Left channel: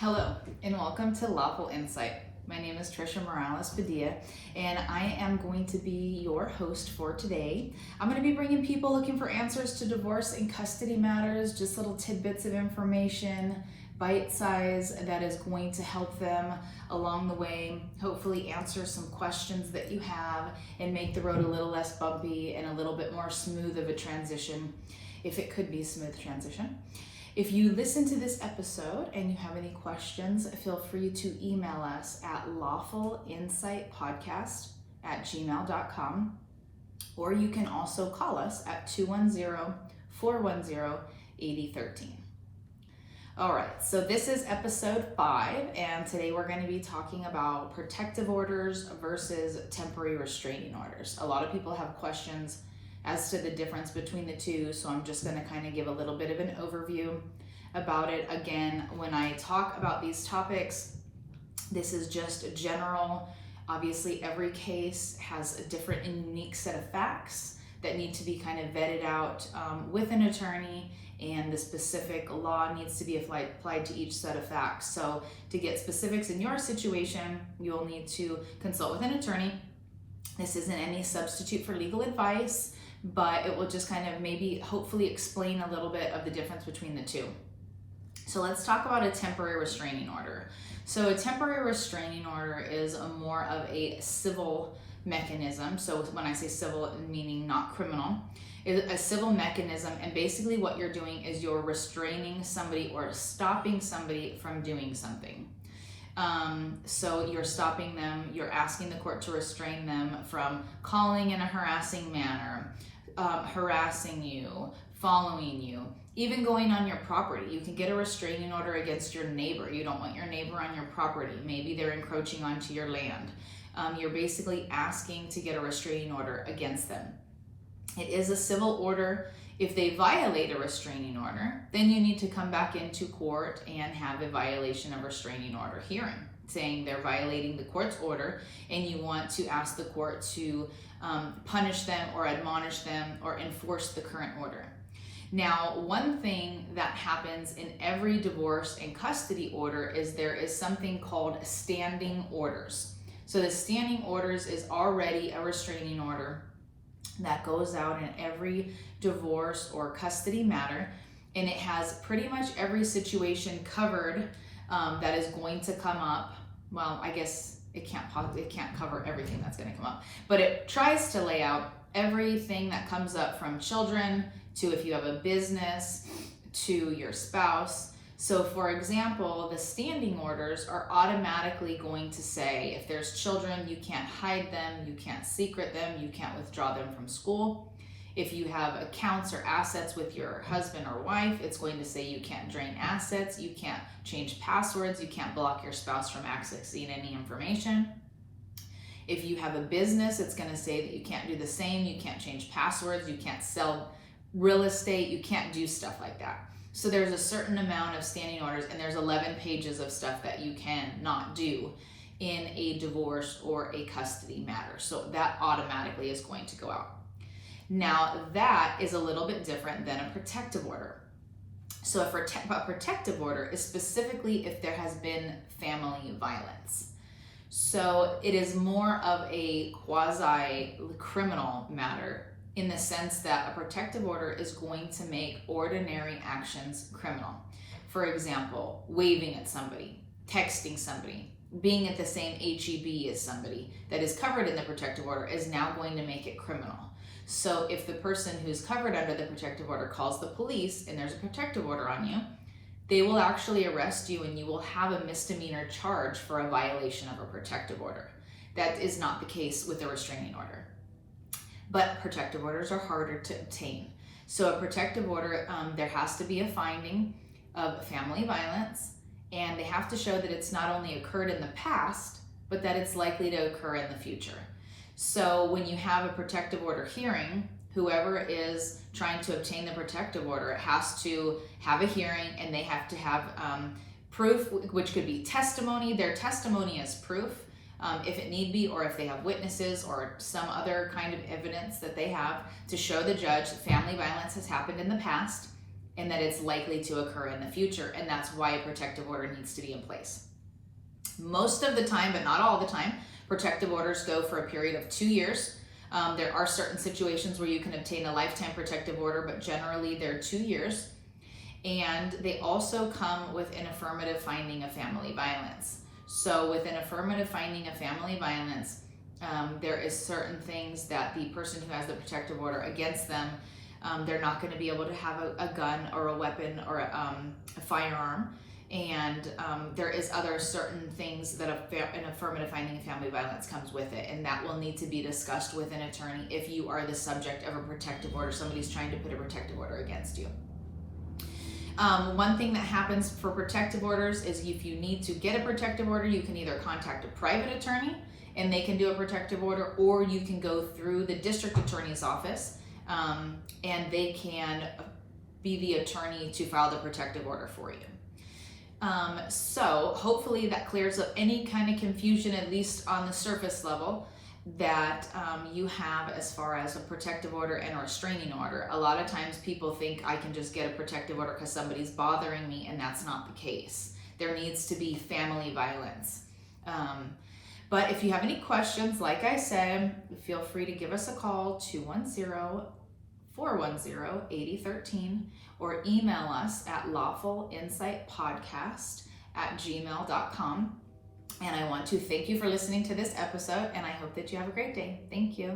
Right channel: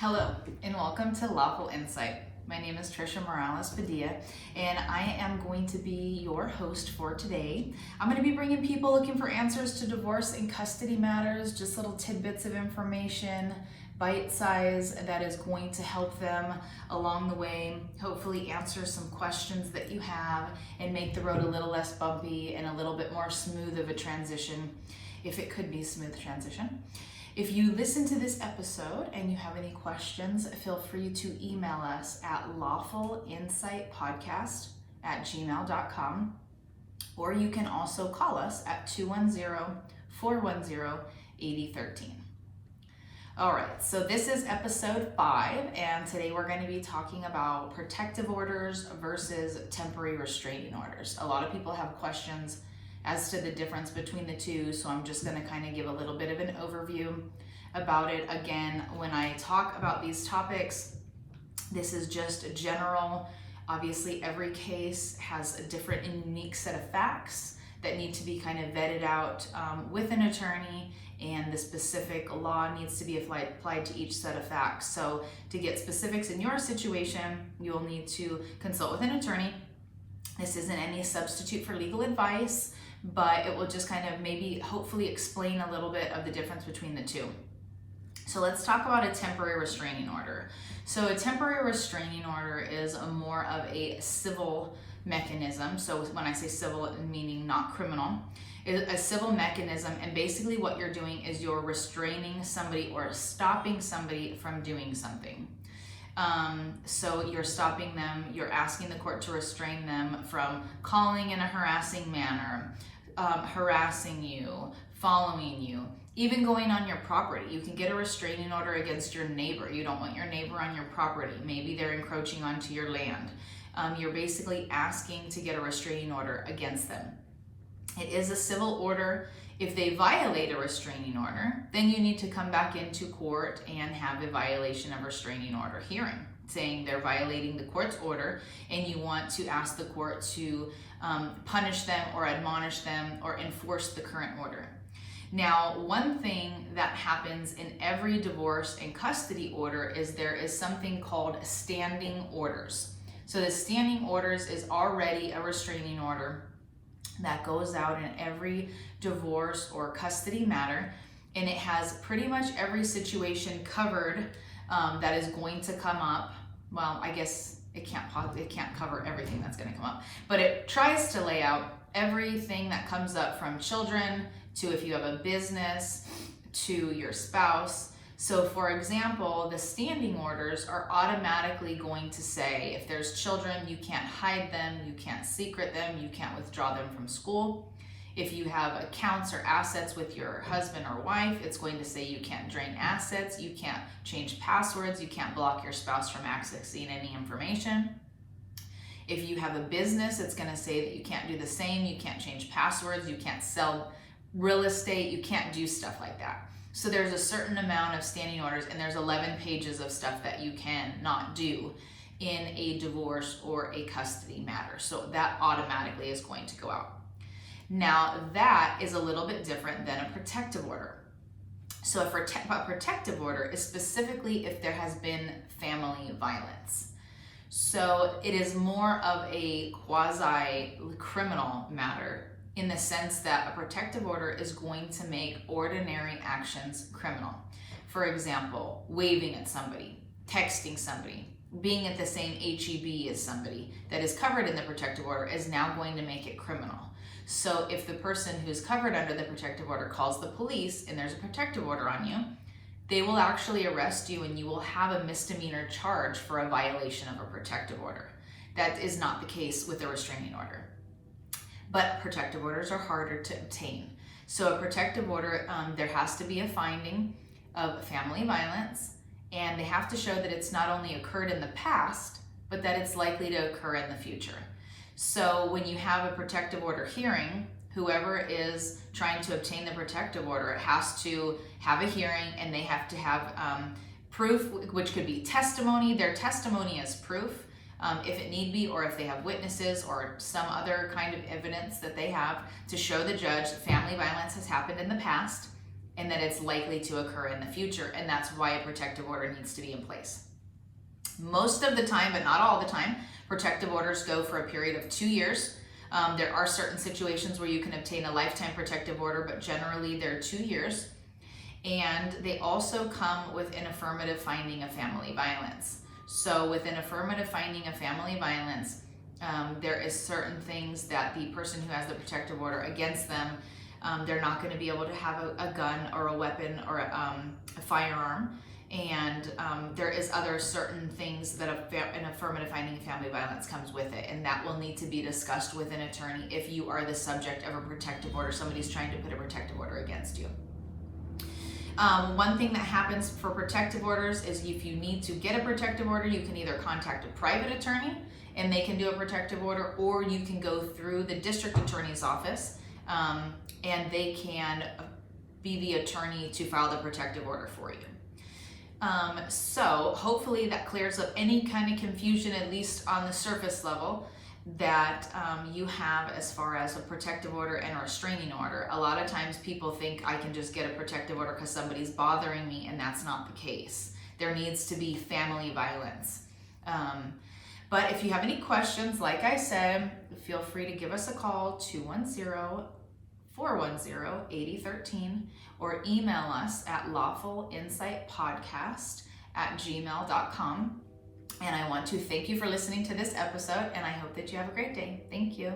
Hello, and welcome to Lawful Insight. My name is Trisha Morales Padilla, and I am going to be your host for today. I'm going to be bringing people looking for answers to divorce and custody matters, just little tidbits of information, bite size, that is going to help them along the way, hopefully answer some questions that you have and make the road a little less bumpy and a little bit more smooth of a transition, if it could be a smooth transition. If you listen to this episode and you have any questions, feel free to email us at lawfulinsightpodcast@gmail.com, or you can also call us at 210-410-8013. All right, so this is episode 5, and today we're going to be talking about protective orders versus temporary restraining orders. A lot of people have questions as to the difference between the two, so I'm just going to kind of give a little bit of an overview about it. Again, when I talk about these topics, this is just general. Obviously, every case has a different and unique set of facts that need to be kind of vetted out with an attorney, and the specific law needs to be applied to each set of facts. So to get specifics in your situation, you'll need to consult with an attorney. This isn't any substitute for legal advice, but it will just kind of maybe hopefully explain a little bit of the difference between the two. So let's talk about a temporary restraining order. So a temporary restraining order is more of a civil mechanism. So when I say civil, meaning not criminal, it's a civil mechanism, and basically what you're doing is you're restraining somebody or stopping somebody from doing something. So you're stopping them, you're asking the court to restrain them from calling in a harassing manner, harassing you, following you, even going on your property. You can get a restraining order against your neighbor. You don't want your neighbor on your property. Maybe they're encroaching onto your land. You're basically asking to get a restraining order against them. It is a civil order. If they violate a restraining order, then you need to come back into court and have a violation of restraining order hearing, saying they're violating the court's order, and you want to ask the court to punish them or admonish them or enforce the current order. Now, one thing that happens in every divorce and custody order is there is something called standing orders. So the standing orders is already a restraining order that goes out in every divorce or custody matter, and it has pretty much every situation covered that is going to come up. Well, I guess it can't cover everything that's going to come up, but it tries to lay out everything that comes up, from children to if you have a business to your spouse. So for example, the standing orders are automatically going to say if there's children, you can't hide them, you can't secret them, you can't withdraw them from school. If you have accounts or assets with your husband or wife, it's going to say you can't drain assets, you can't change passwords, you can't block your spouse from accessing any information. If you have a business, it's going to say that you can't do the same, you can't change passwords, you can't sell real estate, you can't do stuff like that. So there's a certain amount of standing orders, and there's 11 pages of stuff that you can not do in a divorce or a custody matter. So that automatically is going to go out. Now that is a little bit different than a protective order. So a protective order is specifically if there has been family violence. So it is more of a quasi-criminal matter, in the sense that a protective order is going to make ordinary actions criminal. For example, waving at somebody, texting somebody, being at the same HEB as somebody that is covered in the protective order is now going to make it criminal. So if the person who's covered under the protective order calls the police and there's a protective order on you, they will actually arrest you, and you will have a misdemeanor charge for a violation of a protective order. That is not the case with a restraining order. But protective orders are harder to obtain. So a protective order, there has to be a finding of family violence, and they have to show that it's not only occurred in the past, but that it's likely to occur in the future. So when you have a protective order hearing, whoever is trying to obtain the protective order has to have a hearing, and they have to have proof, which could be testimony. Their testimony is proof. If it need be, or if they have witnesses or some other kind of evidence that they have to show the judge that family violence has happened in the past, and that it's likely to occur in the future, and that's why a protective order needs to be in place. Most of the time, but not all the time, protective orders go for a period of 2 years. There are certain situations where you can obtain a lifetime protective order, but generally they're 2 years. And they also come with an affirmative finding of family violence. So with an affirmative finding of family violence, there is certain things that the person who has the protective order against them, they're not going to be able to have a gun or a weapon or a firearm. And there is other certain things that an affirmative finding of family violence comes with it, and that will need to be discussed with an attorney if you are the subject of a protective order. Somebody's trying to put a protective order against you. One thing that happens for protective orders is if you need to get a protective order, you can either contact a private attorney and they can do a protective order, or you can go through the district attorney's office and they can be the attorney to file the protective order for you. So hopefully that clears up any kind of confusion, at least on the surface level, that you have as far as a protective order and a restraining order. A lot of times people think I can just get a protective order because somebody's bothering me, and that's not the case. There needs to be family violence. But if you have any questions, like I said, feel free to give us a call, 210-410-8013, or email us at lawfulinsightpodcast@gmail.com. And I want to thank you for listening to this episode, and I hope that you have a great day. Thank you.